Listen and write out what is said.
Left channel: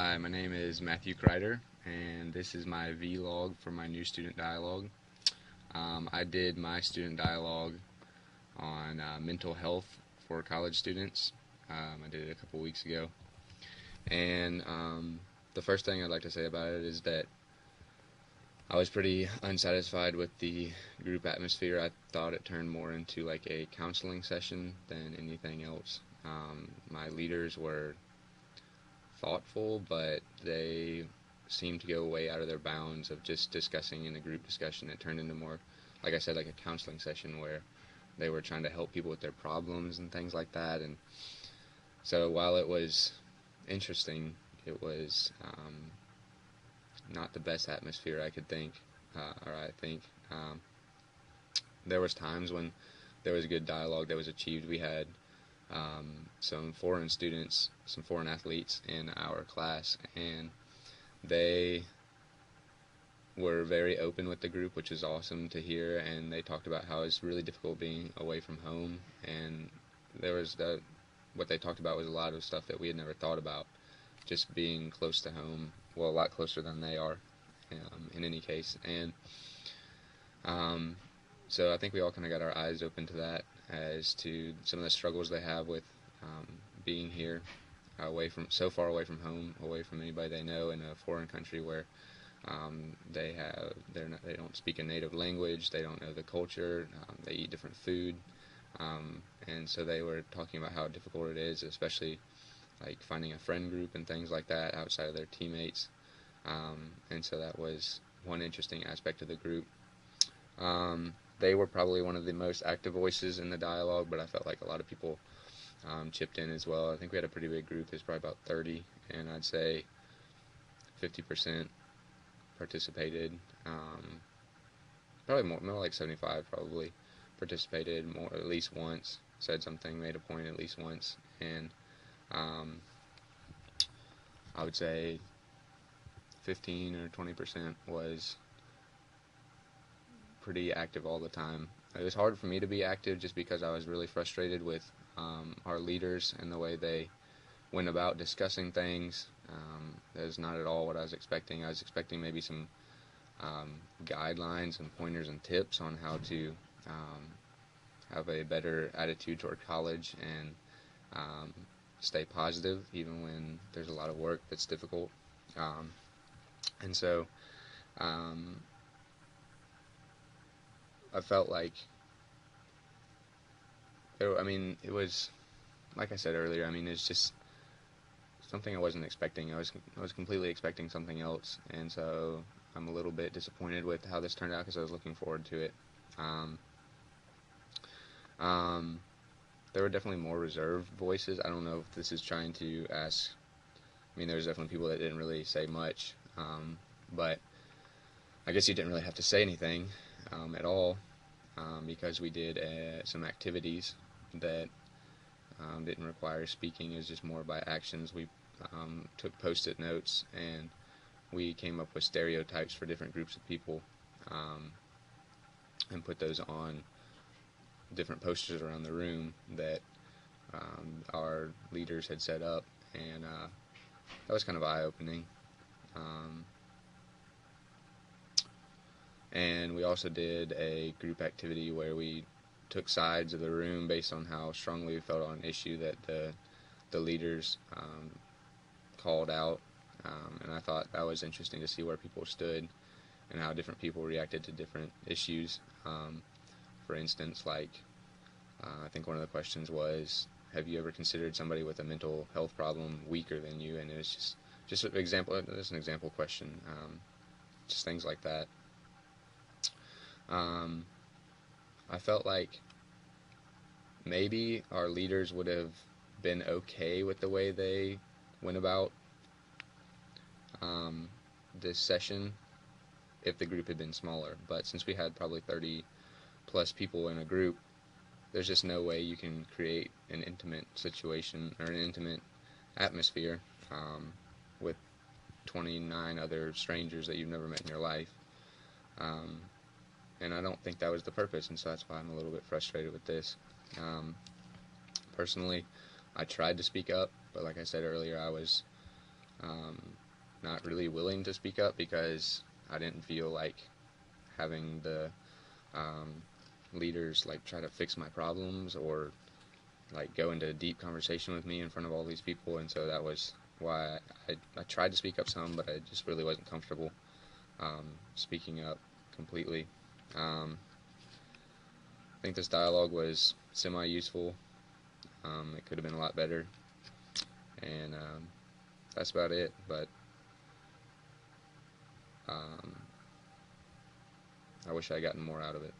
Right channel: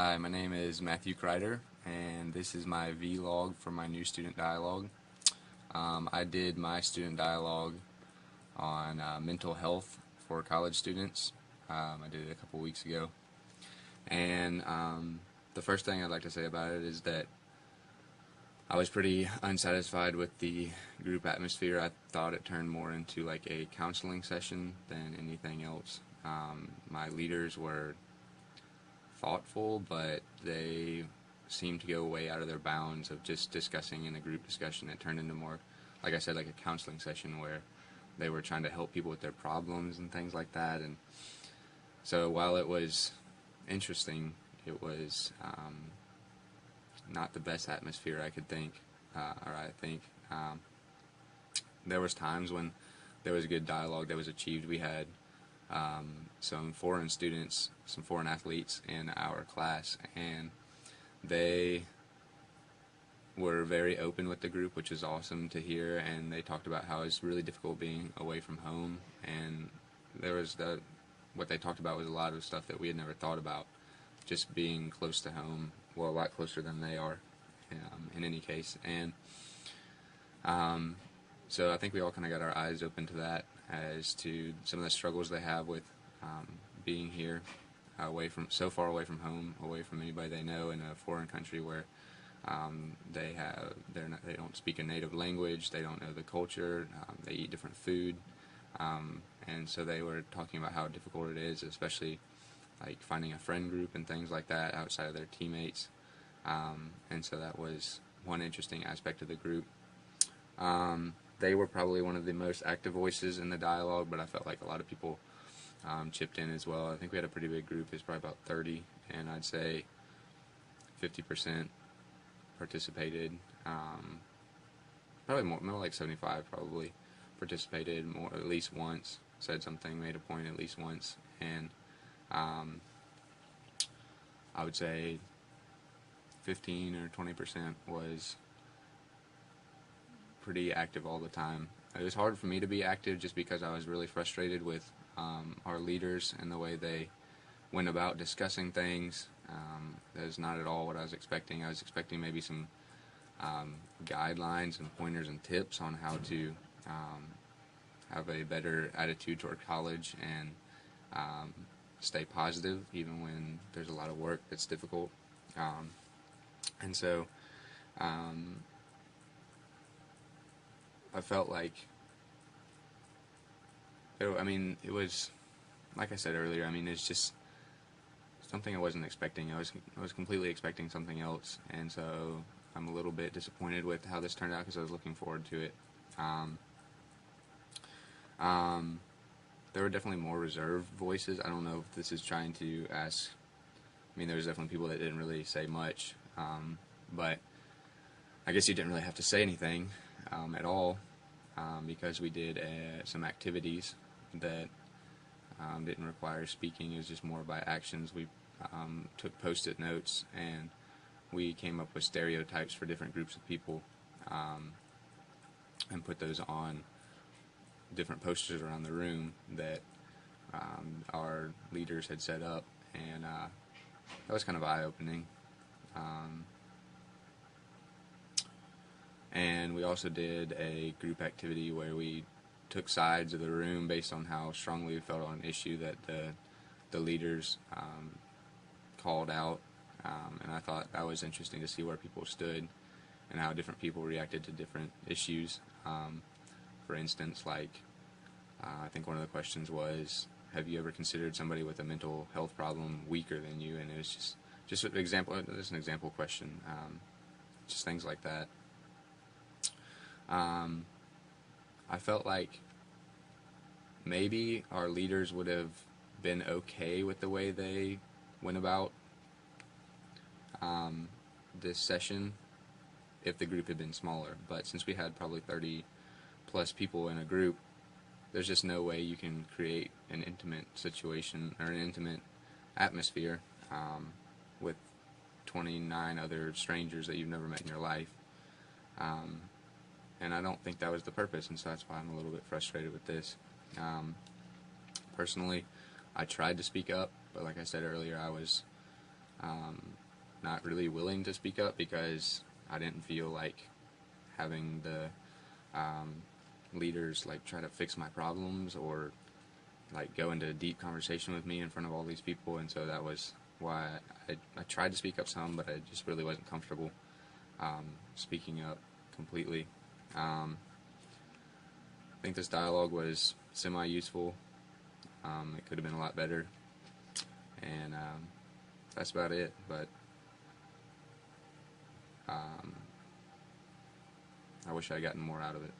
Hi, my name is Matthew Kreider, and this is my vlog for my new student dialogue. I did my student dialogue on mental health for college students. I did it a couple weeks ago, and the first thing I'd like to say about it is that I was pretty unsatisfied with the group atmosphere. I thought it turned more into like a counseling session than anything else. My leaders were thoughtful, but they seemed to go way out of their bounds of just discussing in a group discussion. It turned into more, like I said, like a counseling session where they were trying to help people with their problems and things like that. And so while it was interesting, it was not the best atmosphere I could think, or I think. There was times when there was a good dialogue that was achieved. We had some foreign students, some foreign athletes in our class, and they were very open with the group, which was awesome to hear, and they talked about how it's really difficult being away from home, and there was what they talked about was a lot of stuff that we had never thought about, just being close to home, well, a lot closer than they are, in any case, and so I think we all kind of got our eyes open to that as to some of the struggles they have with being here, so far away from home, away from anybody they know in a foreign country where they don't speak a native language, they don't know the culture, they eat different food, and so they were talking about how difficult it is, especially like finding a friend group and things like that outside of their teammates, and so that was one interesting aspect of the group. They were probably one of the most active voices in the dialogue, but I felt like a lot of people chipped in as well. I think we had a pretty big group. It's probably about 30, and I'd say 50% participated. Probably more like 75 probably participated more at least once, said something, made a point at least once, and I would say 15 or 20% was pretty active all the time. It was hard for me to be active just because I was really frustrated with our leaders and the way they went about discussing things. That is not at all what I was expecting. I was expecting maybe some guidelines and pointers and tips on how to have a better attitude toward college and stay positive even when there's a lot of work that's difficult. And so I felt like, it was, like I said earlier, it's just something I wasn't expecting. I was completely expecting something else, and so I'm a little bit disappointed with how this turned out because I was looking forward to it. There were definitely more reserved voices. I don't know if this is trying to ask. There was definitely people that didn't really say much, but I guess you didn't really have to say anything at all because we did some activities that didn't require speaking. It was just more by actions. We took post-it notes and we came up with stereotypes for different groups of people and put those on different posters around the room that our leaders had set up, and that was kind of eye-opening. And we also did a group activity where we took sides of the room based on how strongly we felt on an issue that the leaders called out, and I thought that was interesting to see where people stood and how different people reacted to different issues. For instance, like I think one of the questions was, have you ever considered somebody with a mental health problem weaker than you? And it was just an example. That's an example question. Just things like that. I felt like maybe our leaders would have been okay with the way they went about this session if the group had been smaller. But since we had probably 30 plus people in a group, there's just no way you can create an intimate situation or an intimate atmosphere with 29 other strangers that you've never met in your life. And I don't think that was the purpose, and so that's why I'm a little bit frustrated with this. Personally, I tried to speak up, but like I said earlier, I was um, not really willing to speak up because I didn't feel like having the leaders like try to fix my problems or like go into a deep conversation with me in front of all these people, and so that was why I tried to speak up some, but I just really wasn't comfortable speaking up completely. I think this dialogue was semi-useful. It could have been a lot better, and that's about it, but um, I wish I had gotten more out of it.